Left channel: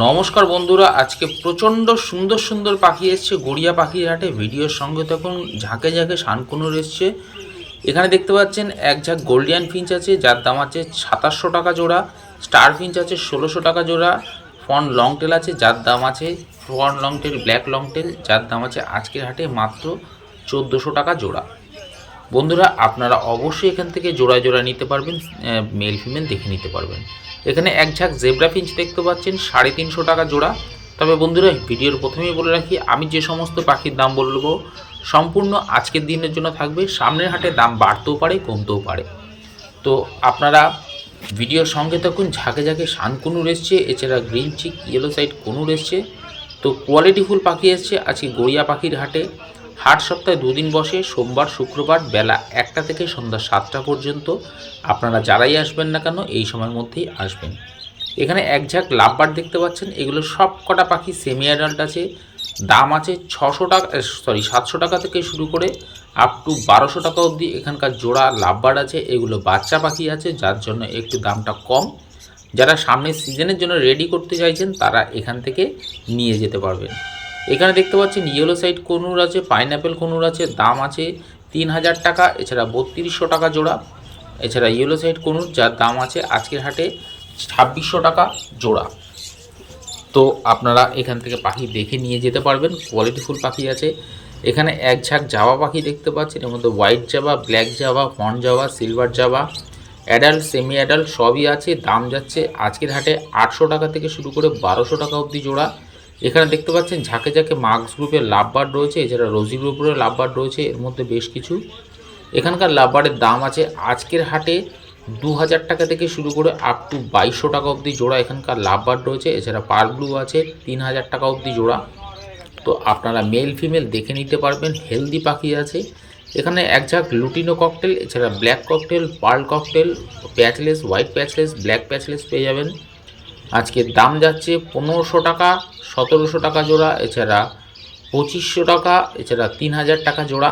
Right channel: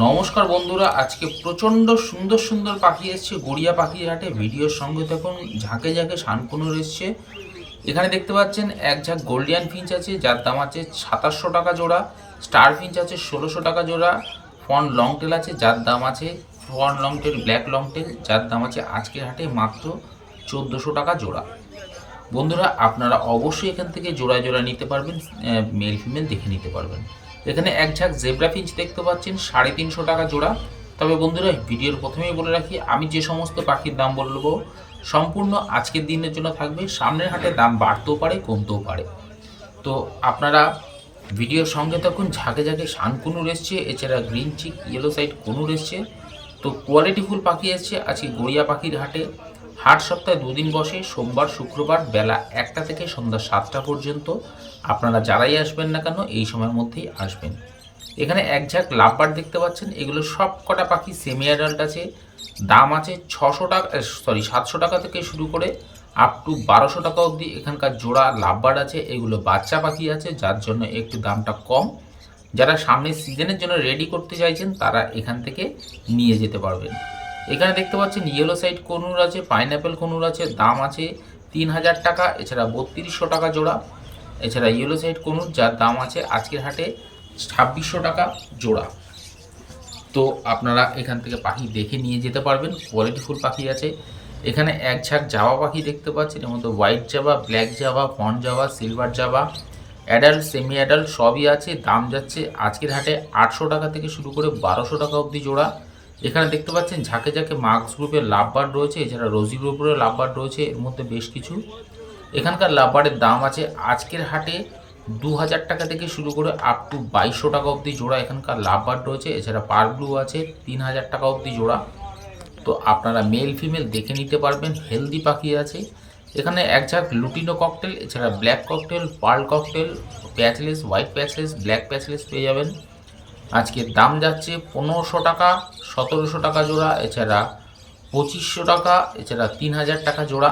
নমস্কার বন্ধুরা, আজকে প্রচণ্ড সুন্দর সুন্দর পাখি এসছে গড়িয়া পাখির হাটে। ভিডিওর সঙ্গে তখন ঝাঁকে ঝাঁকে শানকুনুর এসছে। এখানে দেখতে পাচ্ছেন এক ঝাঁক গোল্ডিয়ান ফিঞ্চ আছে, যার দাম আছে 2700 টাকা জোড়া। স্টার ফিঞ্চ আছে 1600 টাকা জোড়া। ফন লং টেল আছে, যার দাম আছে fawn long tail black long tail, যার দাম আছে আজকের হাটে মাত্র 1400 টাকা জোড়া। বন্ধুরা, আপনারা অবশ্যই এখান থেকে জোড়া জোড়া নিতে পারবেন, মেল ফিমেল দেখে নিতে পারবেন। এখানে এক ঝাঁক জেব্রা ফিঞ্চ দেখতে পাচ্ছেন 350 টাকা জোড়া। তবে বন্ধুরা, ভিডিওর প্রথমেই বলে রাখি, আমি যে সমস্ত পাখির দাম বলবো সম্পূর্ণ আজকের দিনের জন্য থাকবে। সামনের হাটে দাম বাড়তেও পারে, কমতেও পারে। তো আপনারা ভিডিওর সঙ্গে তখন ঝাঁকে ঝাঁকে শানকুনুর এসছে, এছাড়া green cheek yellow side conure এসছে। তো কোয়ালিটিফুল পাখি এসছে আজকে গড়িয়া পাখির হাটে। হাট সপ্তাহে দুদিন বসে, সোমবার শুক্রবার বেলা 1টা থেকে সন্ধ্যা 7টা পর্যন্ত। আপনারা যারাই আসবেন না কেন এই সময়ের মধ্যেই আসবেন। এখানে এক ঝাঁক লাভবার্ড দেখতে পাচ্ছেন, এগুলো সব কটা পাখি সেমি অ্যাডাল্ট আছে। দাম আছে 700 টাকা থেকে শুরু করে আপ টু 1200 টাকা অবধি এখানকার জোড়া লাভবার্ড আছে। এগুলো বাচ্চা পাখি আছে, যার জন্য একটু দামটা কম। যারা সামনের সিজনের জন্য রেডি করতে চাইছেন তারা এখান থেকে নিয়ে যেতে পারবেন। এখানে দেখতে পাচ্ছেন ইয়েলো সাইড কনুর আছে, পাইনঅ্যাপেল কনুর আছে, দাম আছে 3000 টাকা, এছাড়া 3200 টাকা জোড়া। এছাড়া ইয়েলো সাইড কনুর, যার দাম আছে আজকের হাটে 2600 টাকা জোড়া। তো আপনারা এখান থেকে পাখি দেখে নিয়ে যেতে পারবেন, কোয়ালিটিফুল পাখি আছে। এখানে এক ঝাঁক জাভা পাখি দেখতে পাচ্ছেন, এর মধ্যে white Java, black Java, fawn Java, silver Java, adult semi adult সবই আছে। দাম যাচ্ছে আজকের হাটে 800 টাকা থেকে শুরু করে 1200 টাকা অবধি জোড়া। এখানে দেখতে পাচ্ছেন ঝাঁকে ঝাঁকে মার্কস গ্রুপের লাভবার্ড রয়েছে, এছাড়া রোজি গ্রুপের লাভবার্ড রয়েছে, এর মধ্যে বেশ কিছু। এখানকার লাভবার্ডের দাম আছে আজকের হাটে 2000 টাকা থেকে শুরু করে আপ টু 2200 টাকা অবধি জোড়া এখানকার লাভবার্ড রয়েছে। এছাড়া পার ব্লু আছে 3000 টাকা অবধি জোড়া। তো আপনারা মেল ফিমেল দেখে নিতে পারবেন, হেলদি পাখি আছে। এখানে এক ঝাঁক লুটিনো ককটেল, এছাড়া black cockatiel, pearl cockatiel, patchless, white patchless, black patchless পেয়ে যাবেন। আজকের দাম যাচ্ছে 1500 টাকা, 1700 টাকা জোড়া, এছাড়া 2500 টাকা, এছাড়া 3000 টাকা জোড়া।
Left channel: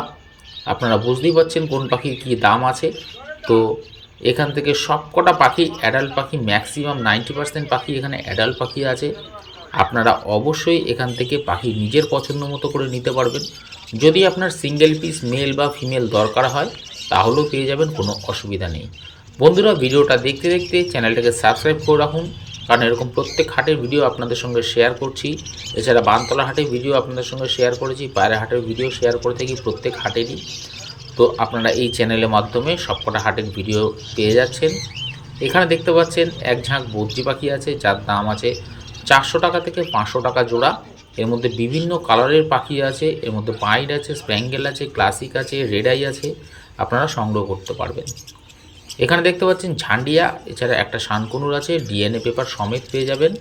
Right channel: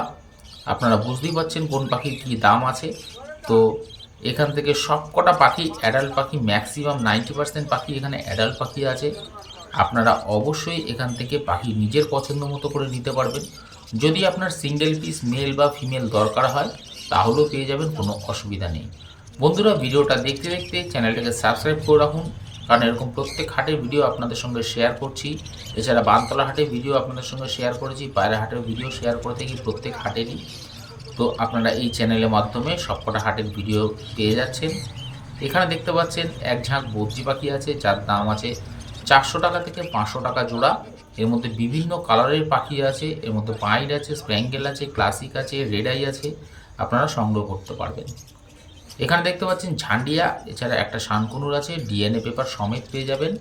আপনারা বুঝতেই পারছেন কোন পাখির কী দাম আছে। তো এখান থেকে সব কটা পাখি অ্যাডাল্ট পাখি, ম্যাক্সিমাম 90% পাখি এখানে অ্যাডাল্ট পাখি আছে। আপনারা অবশ্যই এখান থেকে পাখি নিজের পছন্দ মতো করে নিতে পারবেন। যদি আপনার সিঙ্গেল পিস মেল বা ফিমেল দরকার হয় তাহলেও পেয়ে যাবেন, কোনো অসুবিধা নেই। বন্ধুরা, ভিডিওটা দেখতে দেখতে চ্যানেলটাকে সাবস্ক্রাইব করে রাখুন, কারণ এরকম প্রত্যেক হাটের ভিডিও আপনাদের সঙ্গে শেয়ার করছি। এছাড়া বানতলা হাটের ভিডিও আপনাদের সঙ্গে শেয়ার করেছি, পায়রা হাটের ভিডিও শেয়ার করে থাকি প্রত্যেক হাটেরই। তো আপনারা এই চ্যানেলের মাধ্যমে সবকটা হাটের ভিডিও পেয়ে যাচ্ছেন। এখানে দেখতে পাচ্ছেন এক ঝাঁক বদ্রি পাখি আছে, যার দাম আছে 400 টাকা থেকে 500 টাকা জোড়া। এর মধ্যে বিভিন্ন কালারের পাখি আছে, এর মধ্যে পাইড আছে, স্প্যাঙ্গেল আছে, ক্লাসিক আছে, রেড আই আছে, আপনারা সংগ্রহ করতে পারবেন। এখানে দেখতে পাচ্ছেন ঝান্ডিয়া, এছাড়া একটা শানকুনুর আছে, ডিএনএ পেপার সমেত পেয়ে যাবেন।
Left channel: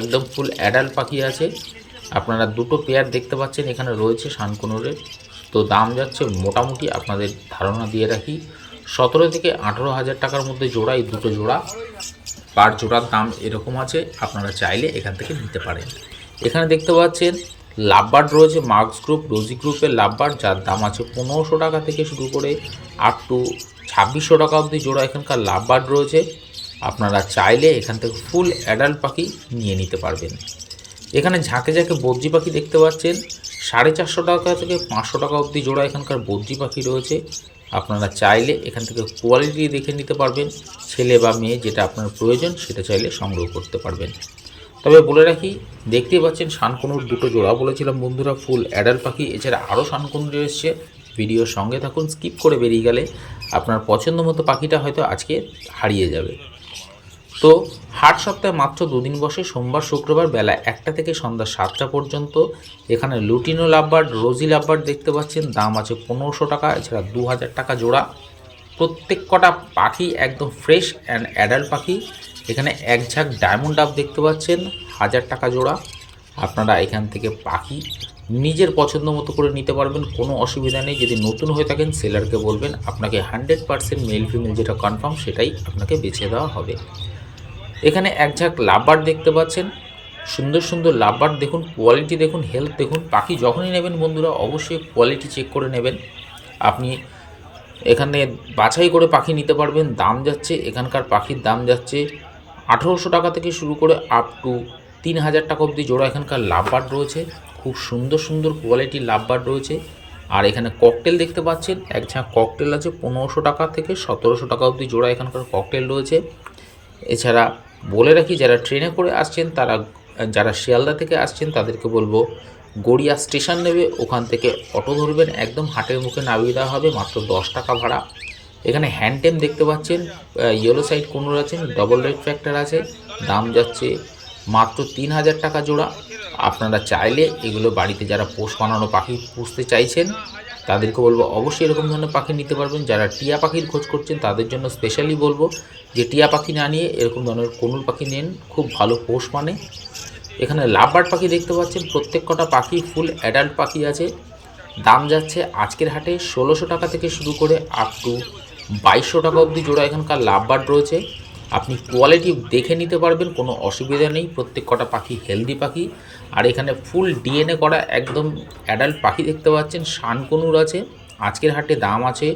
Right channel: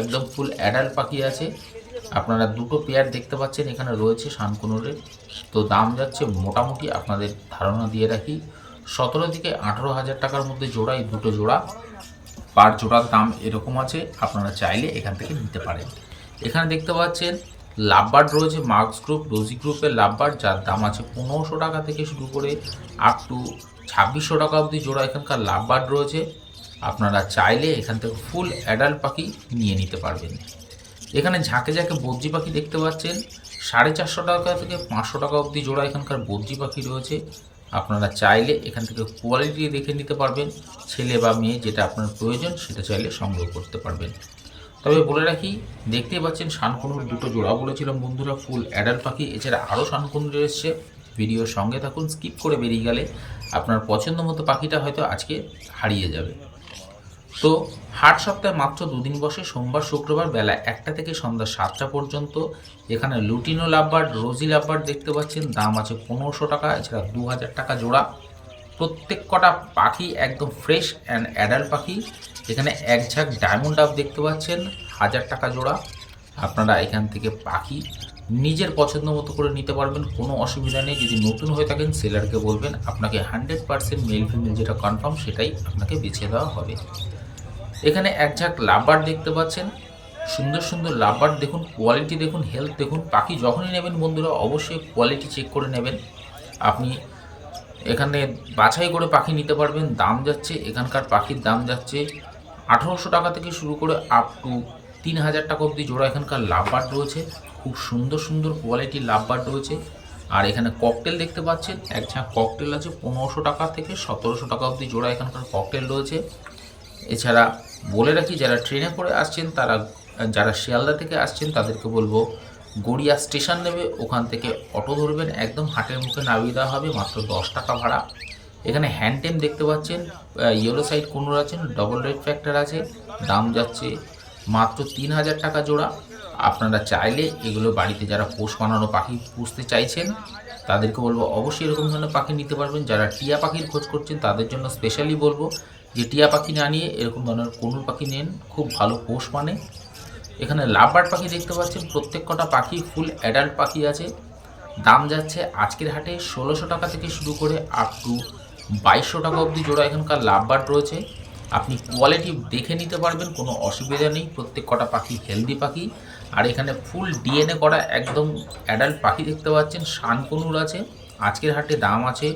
একদম ফুল অ্যাডাল্ট পাখি আছে। আপনারা দুটো পেয়ার দেখতে পাচ্ছেন এখানে রয়েছে শানকুনুরের। তো দাম যাচ্ছে মোটামুটি আপনাদের ধারণা দিয়ে রাখি 17 থেকে 18,000 টাকার মধ্যে জোড়া। এই দুটো জোড়া পার জোড়ার দাম এরকম আছে, আপনারা চাইলে এখান থেকে নিতে পারেন। এখানে দেখতে পাচ্ছেন লাভবার্ড রয়েছে, মার্কস গ্রুপ, রোজি গ্রুপের লাভবার্ড, যার দাম আছে 1500 টাকা থেকে শুরু করে আপ টু 2600 টাকা অবধি জোড়া এখানকার লাভবার্ড রয়েছে। আপনারা চাইলে এখান থেকে ফুল অ্যাডাল্ট পাখি নিয়ে নিতে পারবেন। এখানে ঝাঁকে ঝাঁকে বদ্রি পাখি দেখতে পাচ্ছেন, 450 টাকা থেকে 500 টাকা অবধি জোড়া এখানকার বদ্রি পাখি রয়েছে। আপনারা চাইলে এখান থেকে কোয়ালিটি দেখে নিতে পারবেন, ছেলে বা মেয়ে যেটা আপনার প্রয়োজন সেটা চাইলে সংগ্রহ করতে পারবেন। তবে বলে রাখি, দেখতেই পাচ্ছেন শানকুনুর দুটো জোড়া বলেছিলাম বন্ধুরা, ফুল অ্যাডাল্ট পাখি। এছাড়া আরও শানকুনুর এসছে, ভিডিওর সঙ্গে থাকুন, স্কিপ করে বেরিয়ে গেলে আপনার পছন্দ মতো পাখিটা হয়তো আজকে হারিয়ে যাবে। তো হাট সপ্তাহে মাত্র দুদিন বসে, সোমবার শুক্রবার বেলা 1টা থেকে সন্ধ্যা 7টা পর্যন্ত। এখানে লুটিনো লাভবার্ড, রোজি লাভবার্ড দেখতে পাচ্ছেন, দাম আছে 1500 টাকা, এছাড়া 2000 টাকা জোড়া। প্রত্যেক কটা পাখি একদম ফ্রেশ অ্যান্ড অ্যাডাল্ট পাখি। এখানে এক ঝাঁক ডায়মন্ড ডাব দেখতে পাচ্ছেন, 1000 টাকা জোড়া। আপনারা এখান থেকে পাখি নিজের পছন্দ মতো করে নিতে পারবেন, কোনো অসুবিধা নেই। যদি নতুন হয়ে থাকেন সেলারকে বলবেন আপনাকে 100% মেল ফিমেল যেটা কনফার্ম সেটাই আপনাকে বেছে দেওয়া হবে। এখানে এক ঝাঁক লাভবার্ড দেখতে পাচ্ছেন, সুন্দর সুন্দর লাভবার্ড দেখুন, কোয়ালিটি দেখুন, হেলথ দেখুন। পাখি যখনই নেবেন বন্ধুরা অবশ্যই কোয়ালিটি চেক করে নেবেন। আপনি এখানে বাছাই করে পাখি নিতে পারবেন। দাম যাচ্ছে এখানকার পাখির দাম যাচ্ছে 1800 টাকা থেকে শুরু করে আপ টু 3000 টাকা অবধি জোড়া এখানকার লাভবার্ড রয়েছে। খুব সুন্দর সুন্দর কোয়ালিটির লাভবার্ড রয়েছে। আর এখানে ককটেল দেখতে পাচ্ছেন, এক ঝাঁক ককটেল আছে 1500 টাকা থেকে 1700 টাকা অবধি জোড়া এখানকার ককটেল রয়েছে। এছাড়া বলে রাখি, যারা ট্রেনে করে আসছেন তারা, যারা শিয়ালদা থেকে আসছেন তাদেরকে বলবো গড়িয়া স্টেশন নেবে, ওখান থেকে অটো ধরবেন, একদম হাটের মুখে নামিয়ে দেওয়া হবে, মাত্র 10 টাকা ভাড়া। এখানে হ্যান্ডটেম দেখতে পাচ্ছেন, ইয়েলো সাইড কোনুর আছেন, ডবল রেড ফ্যাক্টর আছে, দাম যাচ্ছে মাত্র 3000 টাকা জোড়া। আপনারা চাইলে এগুলো বাড়িতে যারা পোষ বানানো পাখি পুষতে চাইছেন তাদেরকে বলবো অবশ্যই এরকম ধরনের পাখি নিতে পারবেন। যারা টিয়া পাখির খোঁজ করছেন তাদের জন্য স্পেশালি বলবো যে টিয়া পাখি না নিয়ে এরকম ধরনের কোনুর পাখি নিন, খুব ভালো পোষ মানে। এখানে লাভবার্ড পাখি দেখতে পাচ্ছেন, প্রত্যেক কটা পাখি ফুল অ্যাডাল্ট পাখি আছে। দাম যাচ্ছে আজকের হাটে 1600 টাকা থেকে শুরু করে আপ টু 2200 টাকা অবধি জোড়া এখানকার লাভবার্ড রয়েছে। আপনি কোয়ালিটি দেখে নিতে পারবেন, কোনো অসুবিধা নেই। প্রত্যেক কটা পাখি হেলদি পাখি। আর এখানে ফুল ডিএনএ করা একদম অ্যাডাল্ট পাখি দেখতে পাচ্ছেন, শানকনুর আছে। আজকের হাটে দাম আছে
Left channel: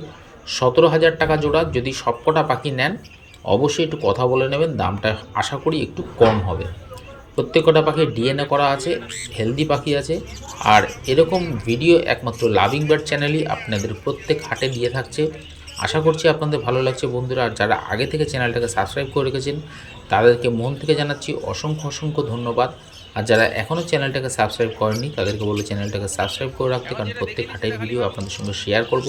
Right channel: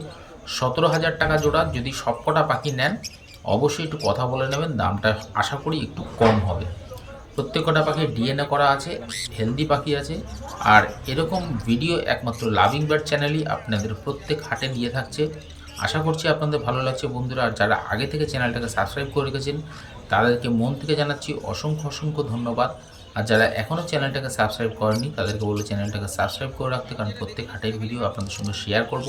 17000 টাকা জোড়া। যদি সব কটা পাখি নেন অবশ্যই একটু কথা বলে নেবেন, দামটা আশা করি একটু কম হবে। প্রত্যেক কটা পাখি ডিএনএ করা আছে, হেলদি পাখি আছে। আর এরকম ভিডিও একমাত্র লাভিং বার্ড চ্যানেলই আপনাদের প্রত্যেক হাটে দিয়ে থাকছে। আশা করছি আপনাদের ভালো লাগছে বন্ধুরা। আর যারা আগে থেকে চ্যানেলটাকে সাবস্ক্রাইব করে রেখেছেন তাদেরকে মন থেকে জানাচ্ছি অসংখ্য অসংখ্য ধন্যবাদ। আর যারা এখনও চ্যানেলটাকে সাবস্ক্রাইব করেননি তাদেরকে বলবো চ্যানেলটাকে সাবস্ক্রাইব করে রাখতে, কারণ প্রত্যেক হাটের ভিডিও আপনাদের সঙ্গে শেয়ার করব।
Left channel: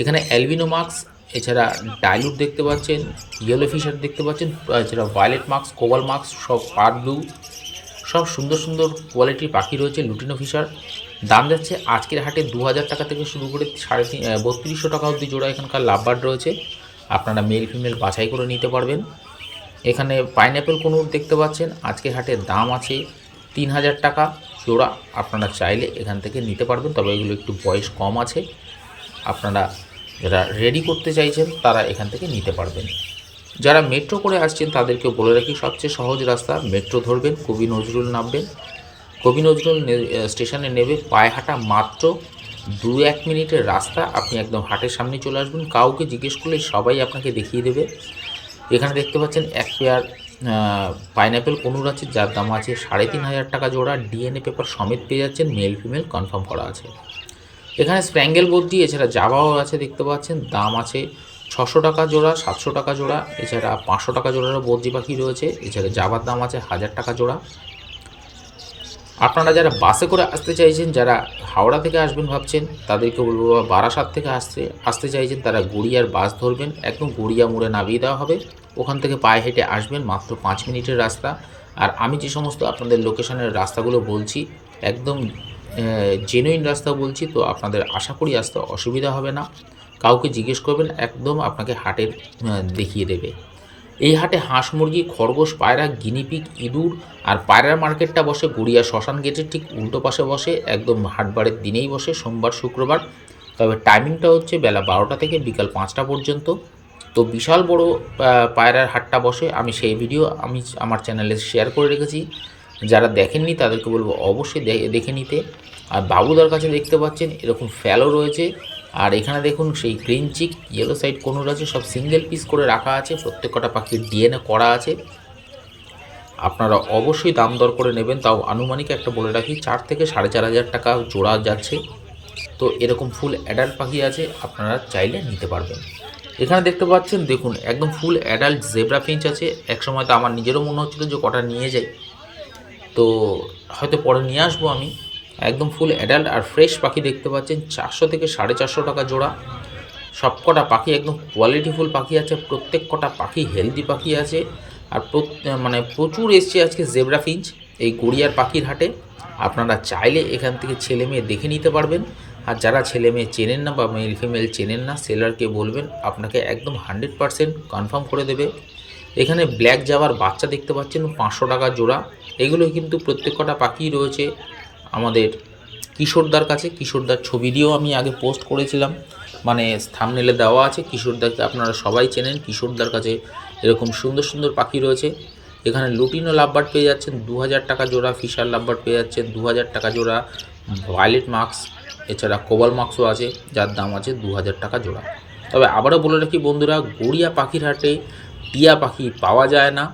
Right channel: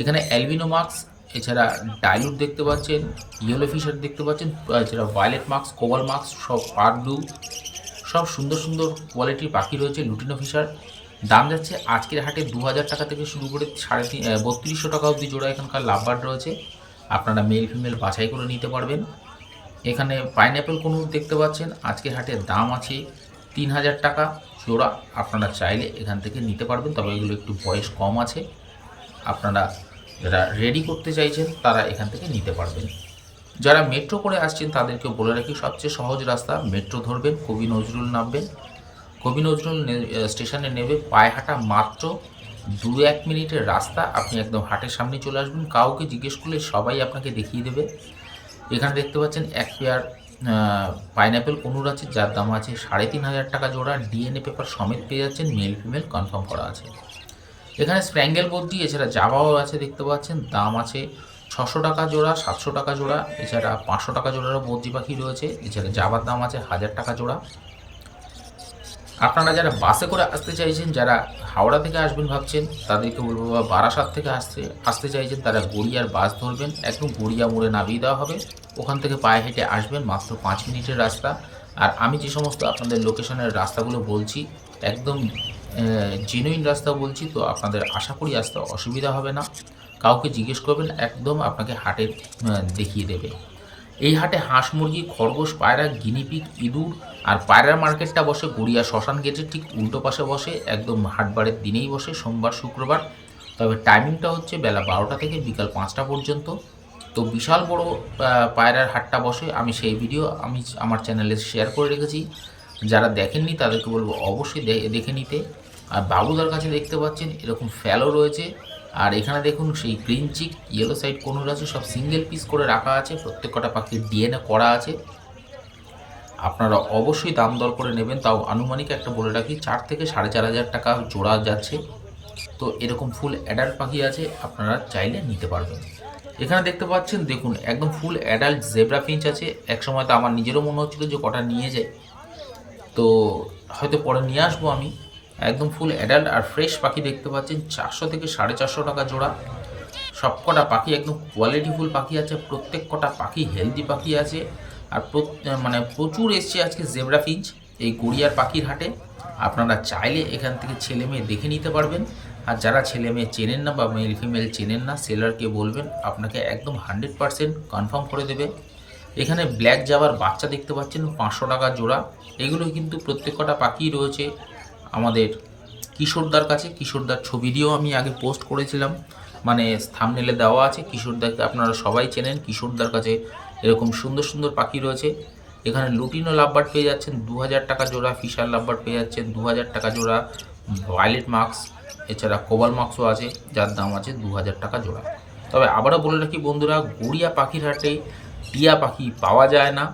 এখানে অ্যালবিনো মাস্ক, এছাড়া ডাইলুট দেখতে পাচ্ছেন, ইয়েলো ফিশার দেখতে পাচ্ছেন, এছাড়া ভায়োলেট মাস্ক, কোবাল মাস্ক, সব পার ব্লু, সব সুন্দর সুন্দর কোয়ালিটির পাখি রয়েছে। লুটিনো ফিশার দাম যাচ্ছে আজকের হাটে 2000 টাকা থেকে শুরু করে 3250 টাকা অবধি জোড়া এখানকার লাভবার্ড রয়েছে। আপনারা মেল ফিমেল বাছাই করে নিতে পারবেন। এখানে পাইনঅ্যাপেল কোনুর দেখতে পাচ্ছেন, আজকের হাটের দাম আছে 3000 টাকা জোড়া। আপনারা চাইলে এখান থেকে নিতে পারবেন, তবে এগুলো একটু বয়স কম আছে। আপনারা যারা রেডি করতে চাইছেন তারা এখান থেকে নিতে পারবেন। যারা মেট্রো করে আসছেন তাদেরকে বলে রাখি, সবচেয়ে সহজ রাস্তা মেট্রো ধরবেন, কবি নজরুল নামবেন, কবি নজরুল স্টেশনে নেবে, পায়ে হাঁটা মাত্র 2-1 মিনিটের রাস্তা। আপনি একদম হাটের সামনে চলে আসবেন, কাউকে জিজ্ঞেস করলে সবাই আপনাকে দেখিয়ে দেবে। এখানে দেখতে পাচ্ছেন এক পেয়ার পাইনঅ্যাপেল কোনুর আছে, যার দাম আছে 3500 টাকা জোড়া। ডিএনএ পেপার সমেত পেয়ে যাচ্ছেন, মেল ফিমেল কনফার্ম করা আছে। এখানে স্প্র্যাঙ্গেল বদ্রি, এছাড়া জাভাও আছে দেখতে পাচ্ছেন, দাম আছে 600 টাকা জোড়া, 700 টাকা জোড়া। এছাড়া 500 টাকা জোড়ারও বদ্রি পাখি রয়েছে। এছাড়া জাভার দাম আছে 1000 টাকা জোড়া। আপনারা যারা বাসে করে আসতে চাইছেন, যারা হাওড়া থেকে আসবেন ভাবছেন তাদেরকে বলবো, বা বারাসাত থেকে আসতে চাইছেন তারা গড়িয়ার বাস ধরবেন, একদম গড়িয়া মোড়ে নামিয়ে দেওয়া হবে। ওখান থেকে পায়ে হেঁটে আসবেন, মাত্র 5 মিনিটের রাস্তা। আর আমি যে সমস্ত আপনাদের লোকেশনের রাস্তাগুলো বলছি একদম জেনুইন রাস্তা বলছি, তো আপনাদের আশা করি আসতে অসুবিধা হবে না। কাউকে জিজ্ঞেস করবেন, একদম আপনাকে হাটের দেখিয়ে দেবে। এই হাটে হাঁস, মুরগি, খরগোশ, পায়রা, গিনিপিগ, ইঁদুর আর পায়রার মার্কেটটা বসে গড়িয়া শ্মশান গেটের ঠিক উল্টো পাশে বসে, একদম হাটবারের দিনেই বসে, সোমবার শুক্রবার। তবে টাইমিংটা হচ্ছে বেলা 12টা থেকে বিকাল 5টা পর্যন্ত। তো বিশাল বড় পায়রার হাটটা বসে, আমি সেই ভিডিও আমার চ্যানেলে শেয়ার করে রেখেছি। যারা দেখেননি তাদেরকে বলবো অবশ্যই দেখে নিতে। আর বাবুদার কাছে দেখতে পাচ্ছেন এরকম ফ্যালো রয়েছে। আর এখানে দেখুন সেই গ্রিন চিক, ইয়েলো সাইড কোনুর আছে, সব সিঙ্গেল পিস করে রাখা আছে, প্রত্যেক কটা পাখির ডিএনএ করা আছে। আপনারা অবশ্যই দাম দর করে নেবেন, তাও আনুমানিক একটা বলে রাখি 4 থেকে 4500 টাকা জোড়া যাচ্ছে। তো এরকম ফুল অ্যাডাল্ট পাখি আছে, আপনারা চাইলে নিতে পারবেন। এখানে দেখতে পাচ্ছেন, দেখুন একদম ফুল অ্যাডাল্ট জেব্রা ফিঞ্চ আছে। একসময় তো আমার নিজেরও মনে হচ্ছিল যে কটা নিয়ে যাই, তো হয়তো পরে নিয়ে আসবো আমি। একদম ফুল অ্যাডাল্ট আর ফ্রেশ পাখি দেখতে পাচ্ছেন, 400 থেকে 450 টাকা জোড়া। সব কটা পাখি একদম কোয়ালিটিফুল পাখি আছে, প্রত্যেক কটা পাখি হেলদি পাখি আছে। আর মানে প্রচুর এসছে আজকে জেব্রা ফিঞ্চ এই গড়িয়ার পাখির হাটে। আপনারা চাইলে এখান থেকে ছেলে মেয়ে দেখে নিতে পারবেন। আর যারা ছেলে মেয়ে চেনেন না বা মেল ফিমেল চেনেন না, সেলারকে বলবেন, আপনাকে একদম 100% কনফার্ম করে দেবে। এখানে ব্ল্যাক জাভার বাচ্চা দেখতে পাচ্ছেন 500 টাকা জোড়া। এগুলো কিন্তু প্রত্যেক কটা পাখি রয়েছে আমাদের কিশোরদার কাছে। কিশোরদার ছবি দিয়েও আমি আগে পোস্ট করেছিলাম, মানে থাম্বনেলে দেওয়া আছে। কিশোরদাকে আপনারা সবাই চেনেন, কিশোরদার কাছে এরকম সুন্দর সুন্দর পাখি রয়েছে। এখানে লুটিনো লাভবার্ড পেয়ে যাচ্ছেন 2000 টাকা জোড়া, ফিশার লাভবার্ড পেয়ে যাচ্ছেন 2000 টাকা জোড়া, ভায়োলেট মাস্ক, এছাড়া কোবাল মাস্কও আছে, যার দাম আছে 2000 টাকা জোড়া। তবে আবারও বলে রাখি বন্ধুরা, গড়িয়া পাখির হাটে টিয়া পাখি পাওয়া যায় না।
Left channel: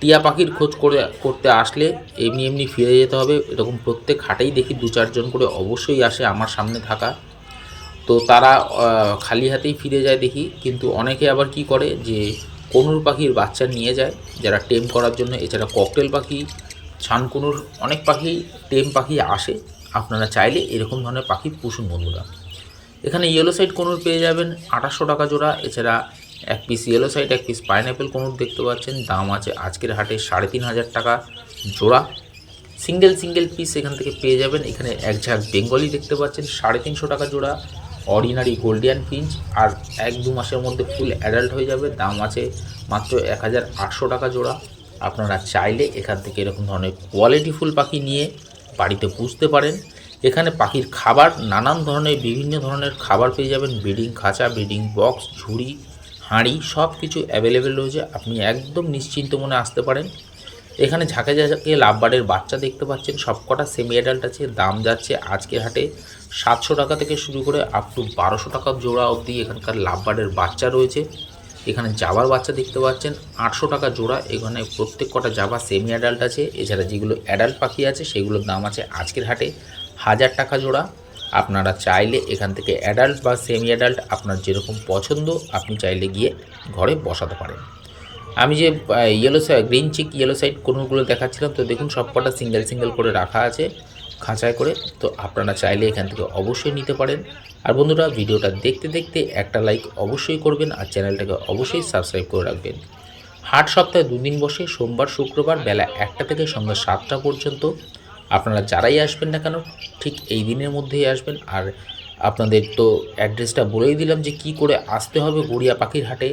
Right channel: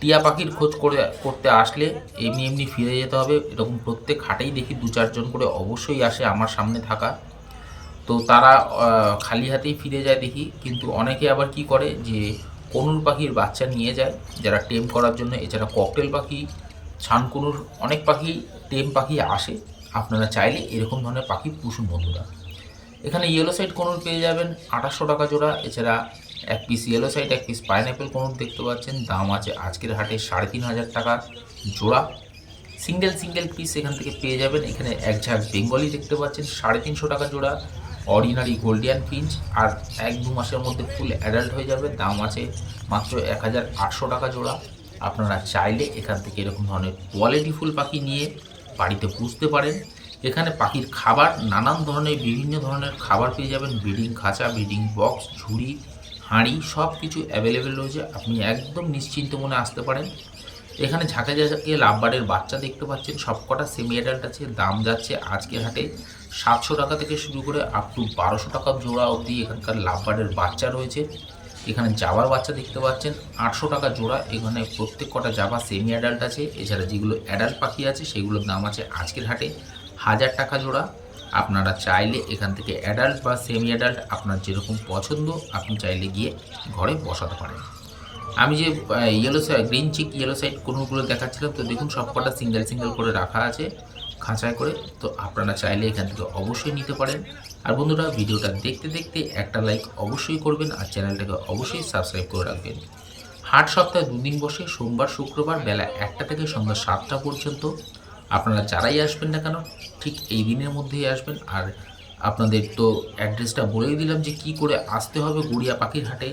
টিয়া পাখির খোঁজ করতে আসলে এমনি এমনি ফিরে যেতে হবে। এরকম প্রত্যেক হাটেই দেখি 2-4 জন করে অবশ্যই আসে আমার সামনে থাকা, তো তারা খালি হাতেই ফিরে যায় দেখি। কিন্তু অনেকে আবার কি করে যে কনুর পাখির বাচ্চা নিয়ে যায় যারা টেম করার জন্য। এছাড়া ককটেল পাখি, ছানকুনুর অনেক পাখি, টেম পাখি আসে। আপনারা চাইলে এরকম ধরনের পাখি পুষুন বন্ধুরা। এখানে ইয়েলো সাইড কনুর পেয়ে যাবেন 2800 টাকা জোড়া। এছাড়া এক পিস ইয়েলো সাইড, এক পিস পাইনঅ্যাপেল কনুর দেখতে পাচ্ছেন, দাম আছে আজকের হাটে 3500 টাকা জোড়া। সিঙ্গেল পিস এখান থেকে পেয়ে যাবেন। এখানে এক ঝাঁক বেঙ্গলি দেখতে পাচ্ছেন 350 টাকা জোড়া। অর্ডিনারি গোল্ডিয়ান ফিঞ্চ আর 1-2 মাসের মধ্যে ফুল অ্যাডাল্ট হয়ে যাবে, দাম আছে মাত্র 1800 টাকা জোড়া। আপনারা চাইলে এখান থেকে এরকম ধরনের কোয়ালিটিফুল পাখি নিয়ে বাড়িতে পুষতে পারেন। এখানে পাখির খাবার নানান ধরনের, বিভিন্ন ধরনের খাবার পেয়ে যাবেন। ব্রিডিং খাঁচা, ব্রিডিং বক্স, ঝুড়ি, হাঁড়ি সব কিছু অ্যাভেলেবেল রয়েছে। আপনি একদম নিশ্চিন্ত মনে আসতে পারেন। এখানে ঝাঁকে ঝাঁকে লাভবার্ডের বাচ্চা দেখতে পাচ্ছেন, সবকটা সেমি অ্যাডাল্ট আছে। দাম যাচ্ছে আজকে হাটে 700 টাকা থেকে শুরু করে আপ টু 1200 টাকা জোড়া অবধি এখানকার লাভবার্ডের বাচ্চা রয়েছে। এখানে জাবার বাচ্চা দেখতে পাচ্ছেন 800 টাকা জোড়া। এখানে প্রত্যেক কটা জাবা সেমি অ্যাডাল্ট আছে। এছাড়া যেগুলো অ্যাডাল্ট পাখি আছে সেগুলোর দাম আছে আজকের হাটে 1000 টাকা জোড়া। আপনারা চাইলে এখান থেকে অ্যাডাল্ট বা সেমি অ্যাডাল্ট আপনার যেরকম পছন্দ আপনি চাইলে গিয়ে ঘরে বসাতে পারেন। আমি যে গ্রিন চিক ইয়েলো সাইড কোনগুলো দেখাচ্ছিলাম, তো দেখুন সবকটা সিঙ্গেল করে রাখা আছে খাঁচায় করে। তো আপনারা চাইলে এখান থেকে অবশ্যই নিতে পারেন। আর বন্ধুরা, ভিডিওটা দেখতে দেখতে একটা লাইক অবশ্যই করবেন আর চ্যানেলটাকে অবশ্যই সাবস্ক্রাইব করে রাখবেন। হাট সপ্তাহে 2 দিন বসে, সোমবার শুক্রবার বেলা 1টা থেকে সন্ধ্যা 7টা পর্যন্ত। আপনারা যারাই আসবেন না কেন ঠিক এই দিনের মধ্যেই আসবেন। আর আপনাদের তো অ্যাড্রেসটা বলেই দিলাম যে কি করে আসতে হবে গড়িয়া পাখির হাটে।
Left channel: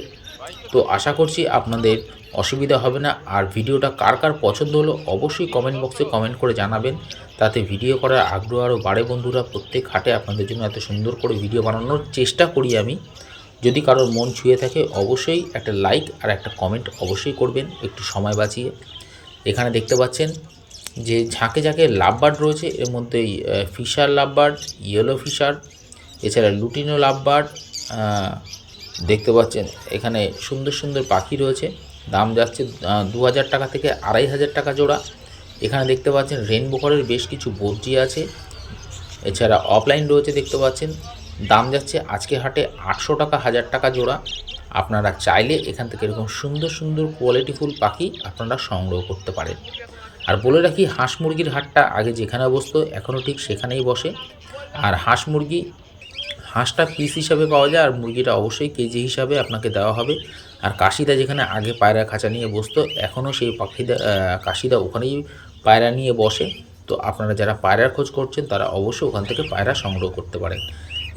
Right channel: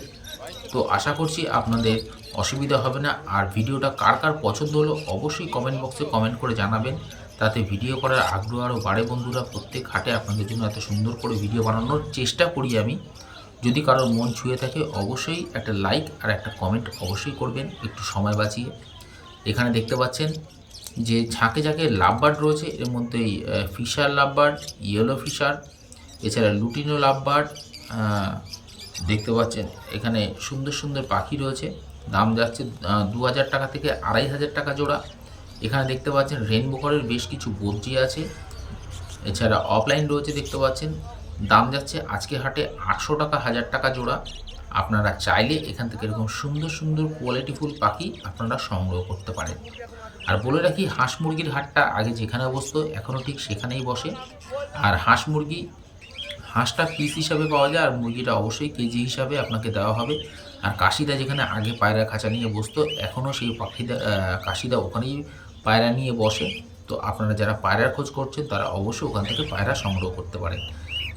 তো আশা করছি আপনাদের অসুবিধা হবে না। আর ভিডিওটা কার কার পছন্দ হলো অবশ্যই কমেন্ট বক্সে কমেন্ট করে জানাবেন, তাতে ভিডিও করার আগ্রহ আরও বাড়ে বন্ধুরা। প্রত্যেক হাটে আপনাদের জন্য এত সুন্দর করে ভিডিও বানানোর চেষ্টা করি আমি। যদি কারোর মন ছুঁয়ে থাকে অবশ্যই একটা লাইক আর একটা কমেন্ট অবশ্যই করবেন একটু সময় বাঁচিয়ে। এখানে দেখতে পাচ্ছেন যে ঝাঁকে ঝাঁকে লাভবার্ড রয়েছে, এর মধ্যেই ফিশার লাভবার্ড, ইয়েলো ফিশার, এছাড়া লুটিনো লাভবার্ড দেখতে পাচ্ছেন। এখানে সুন্দর পাখি রয়েছে, দাম যাচ্ছে 2000 টাকা থেকে 2500 টাকা জোড়া। এখানে দেখতে পাচ্ছেন রেনবো কালারের বেশ কিছু বদ্রি আছে। এছাড়া অফলাইন রয়েছে দেখতে পাচ্ছেন, দাম যাচ্ছে আজকে হাটে 800 টাকা 1000 টাকা জোড়া। আপনারা চাইলে এখান থেকে এরকম সুন্দর কোয়ালিটিফুল পাখি আপনারা সংগ্রহ করতে পারেন। আর বলে রাখি, হাঁস মুরগির হাটটা আগে যেখানে বসতো এখনও ঠিক সেখানেই বসে। আর হাঁসটা পিস হিসাবে পাওয়া যায়, আর মুরগিটা অবশ্যই কেজি হিসাবে আপনাকে দেওয়া হবে। আর কাশিদা যেখানে আগে পায়রা খাঁচা নিয়ে বসতো এখনও সেই কাশিদা ওখানেই পায়রা নিয়ে বসে। তো আপনারা যারা পায়রার খোঁজ করছেন তারা অবশ্যই ওখান থেকে পায়রা সংগ্রহ করতে পারেন।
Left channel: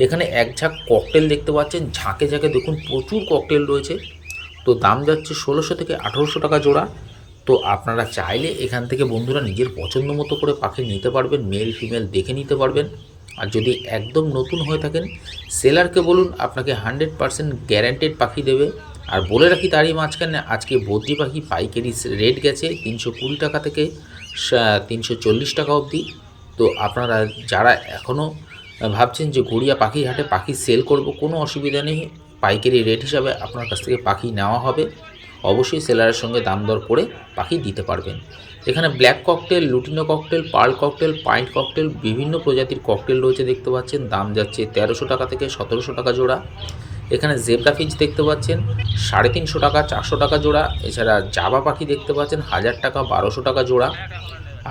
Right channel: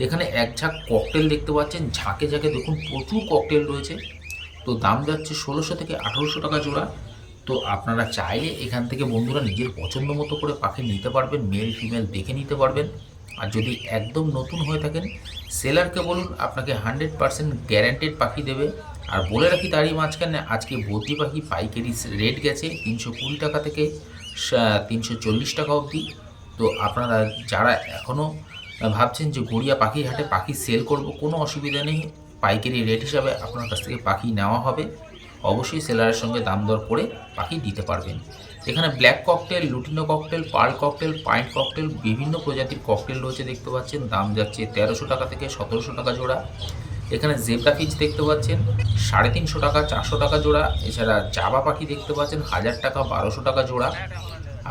এখানে এক ঝাঁক ককটেল দেখতে পাচ্ছেন, ঝাঁকে দেখুন প্রচুর ককটেল রয়েছে। তো দাম যাচ্ছে 1600 থেকে 1800 টাকা জোড়া। তো আপনারা চাইলে এখান থেকে বন্ধুরা নিজের পছন্দ মতো করে পাখি নিতে পারবেন, মেল ফিমেল দেখে নিতে পারবেন। আর যদি একদম নতুন হয়ে থাকেন সেলারকে বলুন আপনাকে 100% গ্যারান্টেড পাখি দেবে। আর বলে রাখি তারই মাঝখানে আজকে বদ্রি পাখি পাইকারি রেট গেছে 320 টাকা থেকে 340 টাকা অবধি। তো আপনারা যারা এখনও ভাবছেন যে গড়িয়া পাখির হাটে পাখি সেল করব, কোনো অসুবিধা নেই, পাইকারি রেট হিসাবে আপনার কাছ থেকে পাখি নেওয়া হবে। অবশ্যই সেলারের সঙ্গে দাম দর করে পাখি দিতে পারবেন। এখানে black cockatiel, lutino cockatiel, pearl cockatiel, পাইন্ট ককটেল বিভিন্ন প্রজাতির ককটেল রয়েছে দেখতে পাচ্ছেন, দাম যাচ্ছে 1300 টাকা থেকে 1700 টাকা জোড়া। এখানে জেব্রা ফিঞ্চ দেখতে পাচ্ছেন 350 টাকা 400 টাকা জোড়া। এছাড়া জাবা পাখি দেখতে পাচ্ছেন 1000 টাকা 1200 টাকা জোড়া।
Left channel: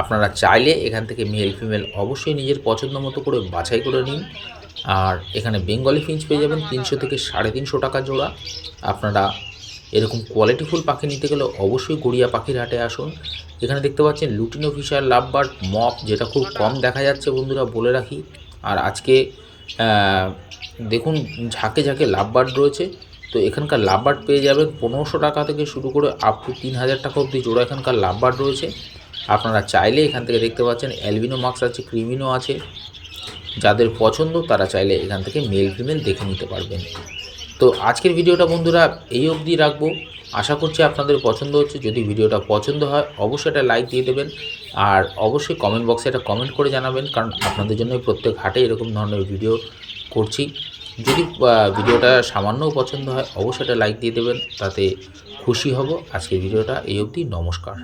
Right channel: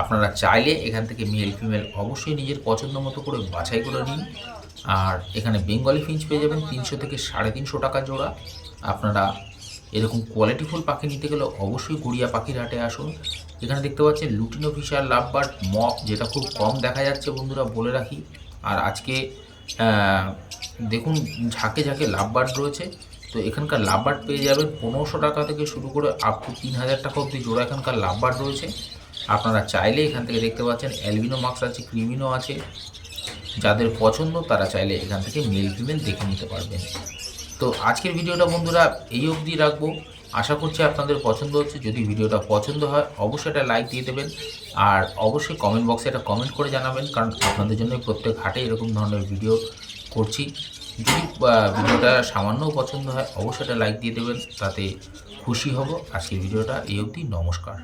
আপনারা চাইলে এখান থেকে মেল ফিমেল অবশ্যই নিজের পছন্দ মতো করে বাছাই করে নিন। আর এখানে বেঙ্গলি ফিঞ্চ পেয়ে যাবেন 300 থেকে 350 টাকা জোড়া। আপনারা এরকম কোয়ালিটিফুল পাখি নিতে গেলে অবশ্যই গড়িয়া পাখির হাটে আসুন। এখানে দেখতে পাচ্ছেন লুটিনো ফিশার লাভবার্ড মপ, যেটা খুব কম দেখা যাচ্ছে বন্ধুরা বলে রাখি। আর আজকে দেখুন ঝাঁকে লাভবার্ড রয়েছে। তো এখানকার লাভবার্ড পেয়ে যাবেন 1500 টাকা থেকে শুরু করে আপ টু 3000 টাকা অবধি জোড়া এখানকার লাভবার্ড রয়েছে। আপনারা চাইলে এখান থেকে দেখতে পাচ্ছেন অ্যালবিনো মাস্ক আছে, ক্রিমিনো আছে। যাদের পছন্দ তারা চাইলে এখান থেকে মেল ফিমেল দেখে নিতে পারবেন। তো আজকের ভিডিওটা বন্ধুরা এই অবধি রাখবো। আশা করছি আপনাদের পছন্দ হচ্ছে। যদি ভিডিওটা পছন্দ হয় অবশ্যই একটা লাইক দিয়ে দেবেন। আর অবশ্যই কমেন্ট বক্সে একটা কমেন্ট করে জানাবেন, কারণ আপনাদের জন্যই প্রত্যেক হাটে এরকম ধরনের ভিডিও করছি। যদি ভিডিওটা সামান্যও পছন্দ হয় অবশ্যই একটা লাইক দিয়ে দেবেন, তাতে খুশি হব। আজকের ভিডিওটা এই অবধি, নমস্কার।